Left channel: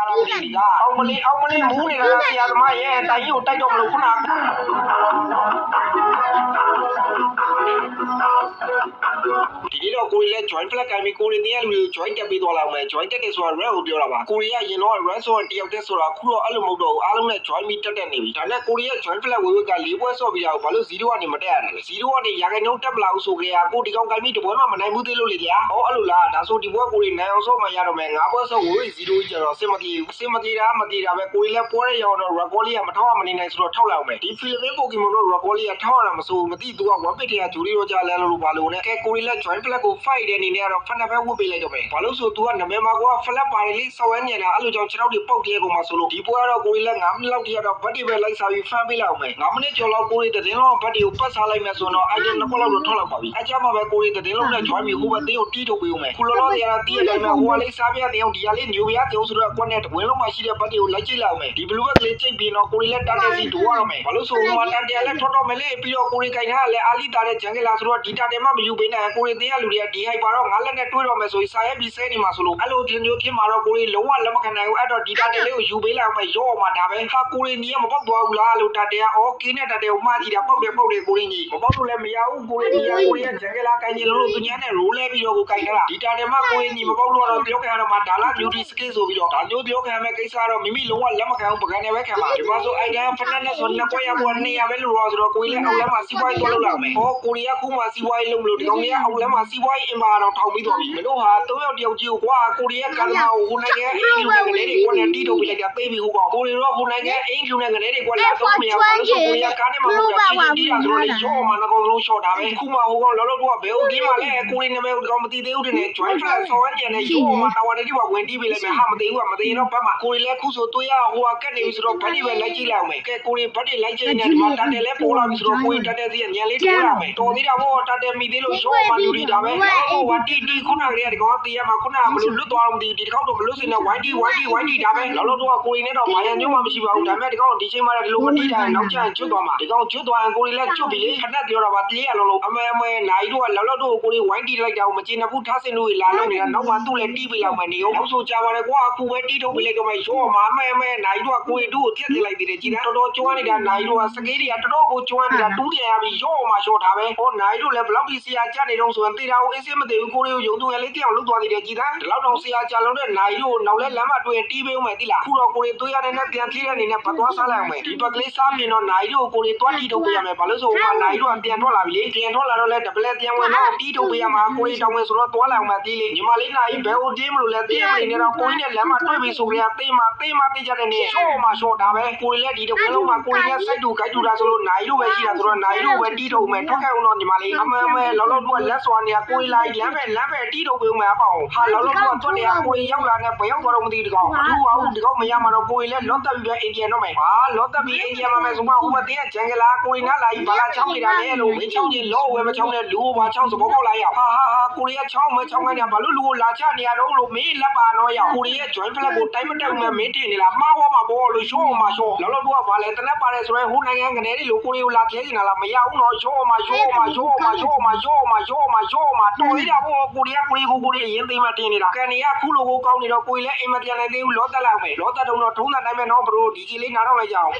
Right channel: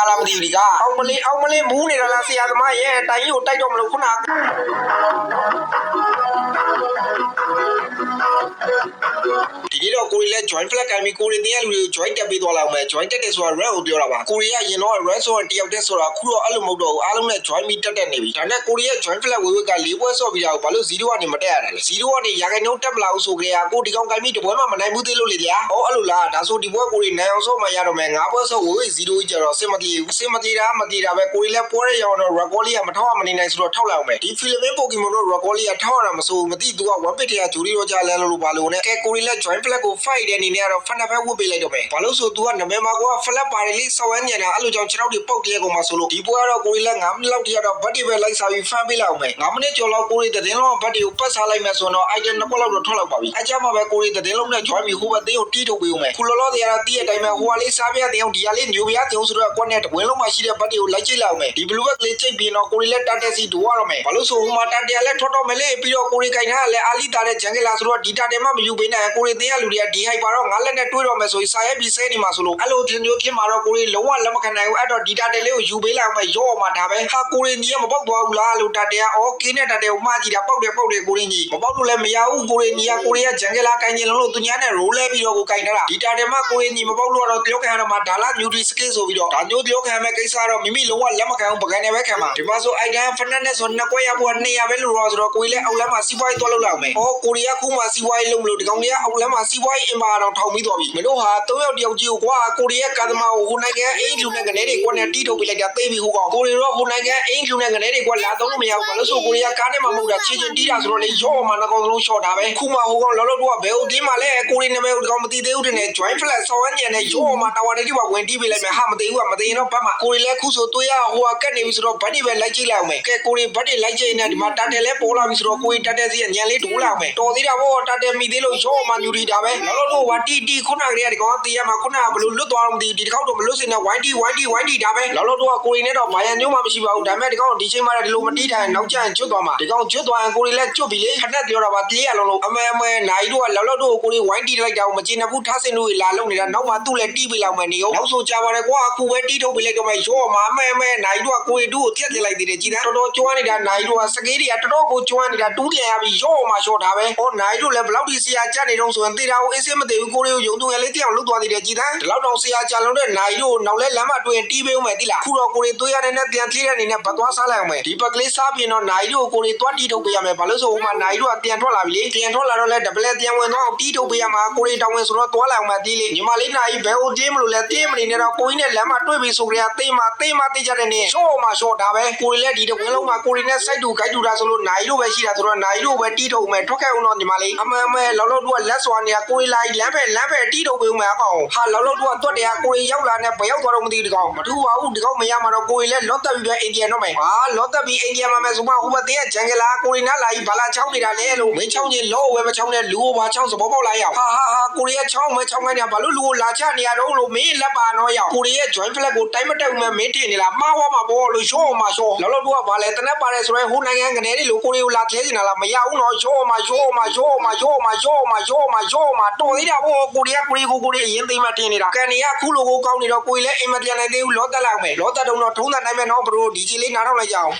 ကာလာမသိဒီကအောင်မလေးမူးနေတာလားဆရာသမားရဲ့တိုင်ကြီးကိုတိုက်တော့မလို့ခုနဒီနေ့တော့ကိုရီလည်း join flag ကင်ပြီးကိုရီတင်ရလူတွေကို join တက်ပေးသွားလောက်မယ် join တက်တယ်ဆိုတာ run ကိုပြောတာပါကိုရီကရင်တော့ run ဆိုတာတယောက်တည်းဆိုတာခုတော့အဲ့လိုမဟုတ်တော့ဘူးအားလုံးနဲ့ join ပြီးတက်နေပြီဒါနဲ့ကိုရီရဲ့ join flag ဝေဝက၄ပွဲဆော့ပြီးတာကိုဘာလို့0ကနေမတက်ရတာလဲ0ကနေရာခိုင်နှုန်းတက်မလာဘူးဆိုကြရကိုဒီကောင်ကင်ပြီးတပွဲမှမနိုင်ဘူးသေးလို့လေဗျာဟောအဲ့လိုလားဒါဆိုဒီပွဲကိုရီနိုင်အောင်ဆော့မှရတော့မယ်၅ပွဲဆော့ဝေဝ0ကြီးကြတော့အဆင်မပြေဘူးအဆင်မပြေတာမပြေတာပဲကိုရီလည်းပွဲရအောင်တော့ record လေးကမထောက်မနေနိုင်ဆိုတော့ထောက်လိုက်အောင်မယ်ဒီဖီလစ်ပင်းပိုကီမွန်တို့ record လေးကထောက်ရတာမစိုးမသိသူက1 bit တည်းကဂျူရီရောကြလဲလို့ဘာလို့နဲ့ကဲကိုရီလည်း join flag ကို fight တဲ့အနေနဲ့ကတော့ fun ပဲဝတ်ပေးလိုက်တော့မယ်ဘာလို့ဆိုသူကနမဲမှာက flag ပါတယ်လေးစော်ဝမ်းညံတာအဲ့လိုကြောင့်ခြေထောက်တွေပုတ်တည်းကောင်မှာဆိုလို့ဒီပွဲကတော့ကိုရီလည်း9မိနစ်လောက်တည်းကတော့ဘတ်တွေပဲလိုက်စားပြီး fan ပေးလိုက်အောင်မယ်9မိနစ်ကျော်လောက်ကိုရီသတင်းလုံးဘတ်တွေကိုပတ်စားလိုက်မယ်ဆိုတော့ item နှစ်ခုလောက်တော့ထွက်လောက်ပါပြီအကြမ်းမှာပဲကိုရီသတင်းလုံးနဲ့ join ပြီးဟိုဘက်သေးကိုတီးထုတ်ပေးအောင်မယ်ခုလောလောတွေကတော့တီးရတိုင်းမှာဟိုကလေးစားပြတဲ့အောင်ဒီကလေးညိုပြတဲ့အောင်ဆိုတော့ကွက်နဲ့တဝင်းလုံးမှာရှိတဲ့ဘတ်တွေကိုလိုက်ကြည့်လိုက်အောင်မယ်ဒီ blue bag လေးချိန်ပြီးတော့ကိုရီလည်းတတ်တဲ့စီဒိုရတော့မယ်ဘာလို့ဆိုဟိုမှာတတ်တယ်လည်းထွက်တော့မယ်လေပြီးတော့ကိုရီကင်ထားလည်းအာလီတာတဲ့ဂျန်ကလာဆိုတော့ဒီတာတယ်မှမယူပေးနိုင်ကိုရီသေးရလူတွေကဒီဟိုက်ပါတော့ငါလက်နဲ့တွေးတော့မယ်ဆိုရင်စာရဲပြီးစဲနေမှာဆိုလို့အဲ့လိုမျိုးဖြစ်မှာတော့ကိုရီလုံးဝလက်မခံနိုင်ဘူးအဲ့တော့ဒီတာတယ်လေးကိုယူပေးလိုက်အောင်မယ်ရော့မှာဒါပဲဟာကိုရီကြီးကမပေါက်သွားဘူးလားလို့တာတယ်ကအော်ကင်းနဲ့တာတယ်ကိုမှားကြည့်တာပေါက်တယ်ကိုရီကြီးမပေါက်လို့လည်းမရဘူးကိုရီကြီးကဂျန်ကလာကင်နေလုံးလို့သူညာနဲ့ရိုးလဲပြီးတော့ကိုကင်ထားတာဒီတာတယ်မှကိုရီကြီးမပေါက်လို့တော့ပြောခံရတော့မှဒါလာမြူတီစကစ်ဆိုပြီးတော့ဒါမျိုးပြောခံမဲ့ကိစ္စတော့မိမိလုံးဝလက်မခံဘူးပကံနဲ့ပဲခံမှာဒီမှာဆိုအိုင်တန်ဖနက်နဲ့ဆိုနှစ်ကွက်ရဖို့200ပဲလို့တော့ဆိုတော့ကိုရီလည်းအောက်လမ်းမှာစီးပွားရေးသွားလုပ်လာမယ်ဟောကိုရီကခုမှစီးပွားရေးလုပ်လို့ဒီကောင်ကြီးကအောက်လမ်းမှာစီးပွားရေးအင်ပါတော့ထောင်ပြီးသွားပြီမင်းတို့ဟာ3ယောက်တယောက်ကြီးကိုကွာကိုရီကကာသမာကိုဟိုနိုင်ငံအင်ဂျူနဲ့ကနေတွေကွက်နဲ့တီးထုတ်ပြလိုက်တာသိပြီဟိုကောင်ကိုရီတော့ဟိုနိုင်ငံအင်ဂျူနဲ့ကနေတွေကွက်လာတော့မရဘူးလို့ဆိုကိုရီကကားနဲ့မှမဟုတ်တာချင်းတီးတာဆိုတော့လေရော့မှာနှကောင်လုံးရှော့တာပဲခုမှဟိုကောင်လောလောတော့ဘယ်ဟုတ်ဒီမှာလဲကိုရီနာမည်ကိုဒီကောင်မသိသေးဘူးတဲ့ join flag ဆောင်းညံနဲ့ရော့မှာတာဝါတွေဒီကဝင်တီးပေးလိုက်မယ်ဟာမသိဘူးကမသိရင်တော့ဘတ်မှာကိုရီလည်းခုဆိုတွေးရဟိုကကတ်နေပြီဆိုတော့ဘတ်တွေပဲလိုက်ကြည့်လိုက်အောင်မယ်ကဲကိုရီဘတ်တွေလိုက်ကြည့်နေဒီမှာတတ်တယ်လဲပေါ်လာပြီဆိုတော့ကိုရီတတ်တယ်စီကညံလေးတိုးလာမယ်တော်သေးတာဘောတတ်တယ်မိသေးလို့ရော့မှာယူတာပဲဟိုဝတီခုနကလေးကဒီကောင်တီးရမှာခုနကဘလို့လွတ်သွားတော့မသိဘူးဒီကောင်တော့မလွတ်စင်တော့ဝိုင်းတီဒါပဲလောလောတော့ကိုရီနဲ့တော့ဘာရညုံမှမရှိပါဘူးဒါပေမဲ့ဒီကောင်ဒီချိန်မှာဒီလိုမတီးတိုင်းနောက်ကျရင်ကျွတ်သွားမှာဒီကောင်ကျွတ်သွားရင်ကိုရီလည်းကျွတ်ပြီလေခဏပြောတာပါတေးရလုံးလုံးအမဲနိုင်တို့ကလောလောတော့ကိုရီဝိုင်းတီးလိုက်တာကိုမကျေနပ်ဘူးထားစင်တို့လာလုံးနေတာနောက်မှသူ့လည်းတီးပေးလောက်မယ်နေအောင်နောက်ဆိုကြပါလေကွာအခုပဲတီးထုတ်ပေးလိုက်တော့မှရောမှာအမဲနိုင်တို့ကကိုရီတို့ကိုတက်လိုက်သေးတယ်ကြည်သားတော်တော်ကျွမ်းနေတာနိုင်တို့ကစကေးတွေကတော်တော်ကိုကျွမ်းနေတာတူးပြန်ရပြီရောမှာရှော့တာပဲဟောနိုင်တို့လည်းဘလောက်ဒီဆရာကြနေတော့ဆိုရင်တေးတာကိုအေးစင်းမသိဘူးကိုရီကိုယုံသူငယ်လေးတောင်လွတ်သွားသေးတယ်ကြည်သားဒီလောက်တော့ဆရာကြလုံးတဲ့နိုင်တို့နောက်လဲလမ်းမတွင်တီးပေးဦးမယ်တိလားခုတော့ကိုရီသွေးရတဲ့နဲ့ပြန်ထီးတဲ့အနေနဲ့ဘတ်သွားစားလိုက်အောင်မယ်ဒီဘက်ကလေးစားပြီးတော့နိုင်တို့ကိုရီသွားတီးထုတ်ပေးရမယ်ဘာလို့ဆိုဟိုမှာနိုင်တို့ကပြန်ထွက်လာပြီလေပြန်ထွက်လာတော့လဲဒပလက်ပြန်ဝင်တော့တီးထုတ်ပေးရမှာကိုရီတောင်းဝင်ဆိုတော့သွားလိုက်အောင်မယ်တီးလေညီမလေးနိုင်ဘယ်ဟိုတင်းမလို့လဲတင်းမနေနဲ့တော့ကိုကြီးနဲ့လမ်းမတွေ့ပြီဆိုကြရတေးမတေးကြတဲ့နေရှော့မှာရှော့တာပဲကိုရီလည်းဒီတဝင်းလုံးမှာကိုရီနဲ့စိုက်တူဂိုက်တူတာဆိုလို့နိုင်တို့ပဲရှိတာဆိုတော့နိုင်တို့ပဲတီးထုတ်မယ်ထွက်ခဲ့အောင်တော့ညီမလေးအမဲလောလောတို့ကလက်စွာနေကိုရီလိုက်လမ်းပဲတီးထုတ်ပေးဦးမယ်အကောင်ဟာလောလောတို့ကတွတ်တယ်ကိုရီရောက်လာနဲ့ဘယ်ရောက်သွားတော့မသိဘူးဒီကောင်မထူပါဘူးဒီကောင်မရမှာတော့ကိုရီလည်းလော့တက်ပြီးပဲအိန္ဒိယတော့မယ်ဟာလော့တက်ပြီးအိန္ဒိယမှာမယ်ဆိုမှဟိုဘတင်းကဂျန်ကလာကိုရီနာလာကြီးဘာလာချောင်းနေတာလဲလို့မင်းချောင်းကြီးလောဝဲမချောင်းနဲ့လူကိုဘာချောင်းစဘောပေါက်လာရအောင်ဟာကိုရီကချောင်းခိုင်းနေတာဘာလို့လူကိုလာချနေရတော့လို့မင်းလက်ပါတော့ရောက်ကိုရီရဲ့ join flag ကိုတိုင်းမတက်ဘူးမင်းတင်နေလားမှားဝါမှာဘောလို့ရှော့မှာရှော့လောလောတို့ကဘာလဲတနက်ပါတယ်ဆိုရင်ဟိုနိုင်ငံကနေတွေလို့ကိုရီကိုလာခဲနေတာလားမရဘူးနော်ရှော့မှာတော်သေးတာဘောကိုရီအရင်သိမ်းမတင်နေတာကန်နေကခုလိုကိုကောင်းနေတော့ကိုရီလည်းအိမ်မပြန်နိုင်သေးဘူးလောတက်လိုက်မယ်လောတက်တော့ထုံးတာနိုင်မယ်နော်ဘရိုဒီကြီးလေးနားတော့လိုက်ကြအောင်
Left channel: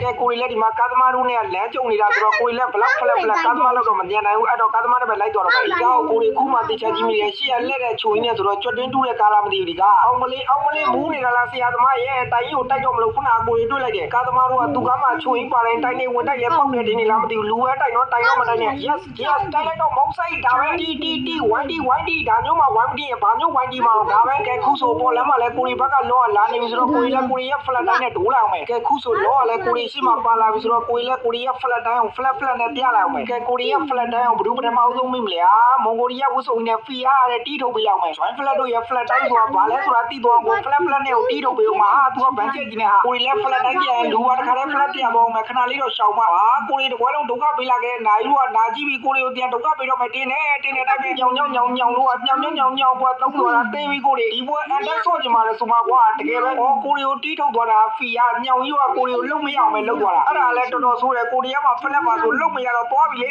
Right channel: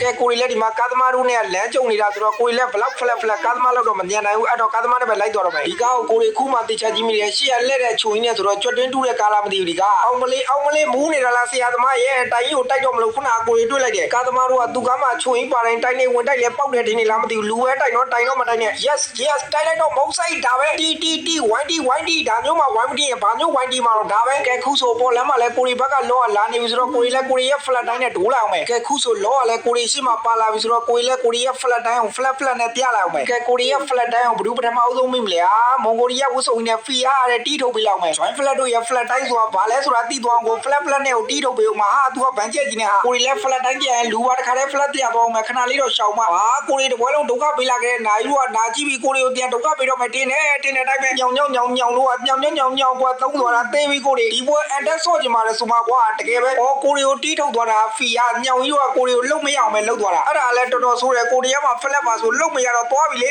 ကဲကိုရီလည်းဒီမှာကာသမားတို့နဲ့လမ်းကြုံနေတာဆိုတော့ကိုရီလည်းဘလောက်ဖလက်ကာသမားလောက်တော့မညံနိုင်ဘူးအဲ့တော့ကာသမားနဲ့ပဲလိုက်တော့မယ်ဒီကောက်ကိုရီခုမှတေချာကြီးမိတယ်ရှေ့ရလက်တဲ့ချိုရင်းနဲ့ဆိုတော့ကြွတ်တွင်းတူးတဲ့ကာလာမသိဘူးဒီကအောင်မလေးမူးနေတာလားဆရာသမားရဲ့တိုင်ကြီးကိုတိုက်တော့မလို့ခုနကကိုရီတွေ့လိုက်တယ်ကာသမားတို့ကသူကမှချိုရင်းပါတိုင်းတိုင်နေဝင်တိုက်လဲပေါက်တယ်ထင်နေလားမသိဘူးလူပဲတိုက်တော့မတိုက်နဲ့ yes တိုက်လိုက်တော့မုံဆိုင်ဒါပဲတီဝိုင်းတီဒါမျိုးမှဝိုင်းမတီးရင်ဘာမျိုးဝိုင်းတီးမှာတော့ဒါပဲကဲခုဆိုပေါ်လမ်းမှာလဲကိုရီဘက်ကလောကလာနေပြီဆိုတော့ကိုရီရဲ့ flat တိုင်းနဲ့ဒိုးလာအောင်မယ်ကဲခုဆိုလောကလဲကိုရီရှိမှပါလာပြီဆိုတော့ကိုရီရဲ့ flat တိုင်းကို flat နဲ့ပြလိုက်အောင်မယ်ကဲကိုရီရဲ့ flat တိုင်းကိုဘယ်သူပထမအဆုံးမိမလဲမွန်ဂိုလီးယားဝှစုံနဲ့ဖီယာတဲ့တီးထုတ်ပေးလောက်မယ် join flat တို့ရဲ့ flat တိုင်းဆိုတာဘာလဲဆိုတာသိသွားအောင်ကို flat နဲ့ကိုတီးထုတ်ပေးအောင်မှာဟာသူကဗန်ချက်ကြီးနဲ့ဟာကိုရီလည်း flat တိုင်းပြန်လူပါတခါတည်း flat ပြန်ပေါ်အောင်မယ်ခဏလေးတော့ရှောင်ပါဟာကိုရီတပွဲလုံးဒုက္ခပေးလာခဲ့တဲ့နိုင်တို့ကနာကြည့်ပြီးကိုရီကိုပြန်ဒုက္ခပေးတော့မယ်တင်းနေတိုင်းပဲညောင်လို့ကညောင်ကွာသုံးသွားတာသိပြီးကိုရီဒီပွဲအန်တက်ဆော့ကြမှာလဲဆိုမှကွာတကယ်ပဲကိုရီကိုတီးထုတ်သွားတာဖီယာညောင်ကြီးကကိုရီကိုလုံမရအောင် ပဲလောက်သွားတာအဲ့ဒါလည်းတော်တော်ဆိုးတယ်ကိုရီးယားမှာဖလက်ပါဆိုလုတ်မရတော့သွားပြီလေ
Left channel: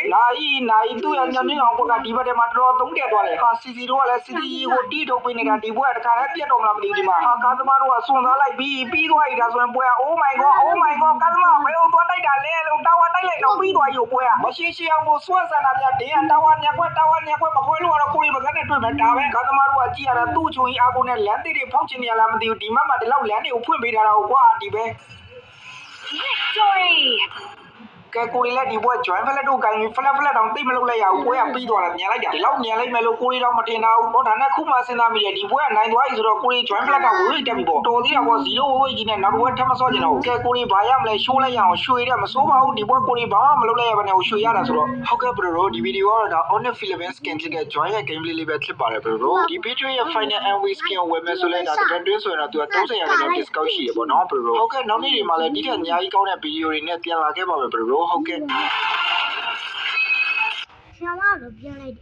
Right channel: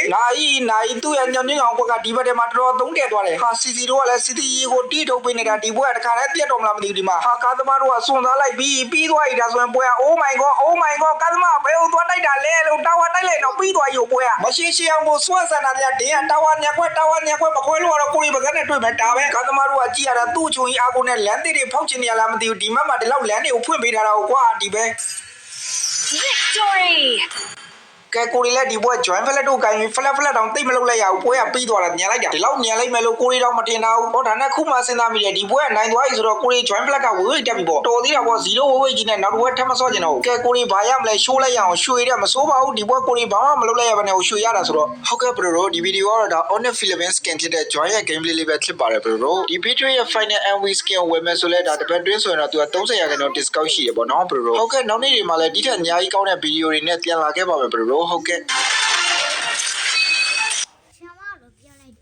နိုင်သူ့ရဲ့ညောင်ညောင်ဘက်ကဒီဘက်ထဲမှာတော်တော်သုံးတက်သွားတယ်ဟာစီစီတို့ကလည်းစီစီရီကိုတီးထုတ်ပေးနေတာဒီဘွဲတခါတည်းပြတ်တော်မလားမသိဘူးဒီမှာဟာကားသမားတို့ကစွန့်သားလိုက်ပြီးသွားပြီဒါဆိုရင်ပွဲက Oh my god ကားသမားဘယ်ဟိုသွားတိုက်တာလဲလို့တာဝါတိုက်လိုက်တော့ပြီးသွားပြီပွဲကမရှိအောင်ကိုစွန့်ဆန်တာတဲ့တင်းကတာဝါညက်ခွက်မခွဲလို့ကတော့ကိုရီးပါကနဲ့တွေ့မယ်ဒါပဲကားသမားတို့ကကြည့်ရတာသူ့ချုံကြီးအာကိုနဲ့လမ်းတွေဖောက်ချင်နေရလားမသိဘူးဒီမှတ်မှာဒီလောက်လမ်းတွေကိုဖွင့်ပေးထားတာကွာဒီပဲ Victory! ကဲကိုရီလည်းဒီဘွဲ join ဖလက်တို့ကိုင်းပြီးဖလက်တောင်တိတ်မလုပ်လိုက်ရဘူးဘွဲကပြီးသွားတာညံလိုက်တာဒီလောက်ညံလိုက်မယ်လို့ကိုရီတော့မတင်တာဘူးဟောဒါနဲ့ခုမှစဉ်းစားမိတယ်ဒီဘွဲကနိုင်သွားပြီဆိုတော့ကိုရီ join ဖလက်ကဝေးတက်ပြီပေါ့တော်သေးတာပေါ့0ဝေးကြီးနဲ့နောက်တစ်ဘွဲထပ်မစော့ကျင်တော့ကဲကိုရီဘာရမလဲရှိုးလိုက်ရအောင်ရွှေတဲ့မစိုးပါဘူးဒီဘွဲကိုရီဘာမှမလုပ်လိုက်ရပါနဲ့ရွှေရတာဆိုတော့ဟုတ်ကဲ့ဘရိုဒီဗီဒီယိုကတော့ဒါ Honor Philippines skin ဖြစ်တဲ့ join ရဲ့ gameplay လေးပဲဖြစ်ပါတယ်ဘရိုဒီ video ရဲ့ final MV skin ကိုဝယ်မယ်ဆိုလဲဒါတပတ်တွင်းဆိုရင်တော့သူက30%တော့ discount ရှိရပေါ့နော်ဘရိုဟုတ်ကဲ့နောက်နေ့တွေမှာလည်းဒီထက်အများကြီးကောင်းတဲ့ဗီဒီယိုတွေနဲ့ပြန်လာခဲ့ပါမယ်ဘရိုဟုတ်ကဲ့ ဆရာမတို့ပြန်လိုက်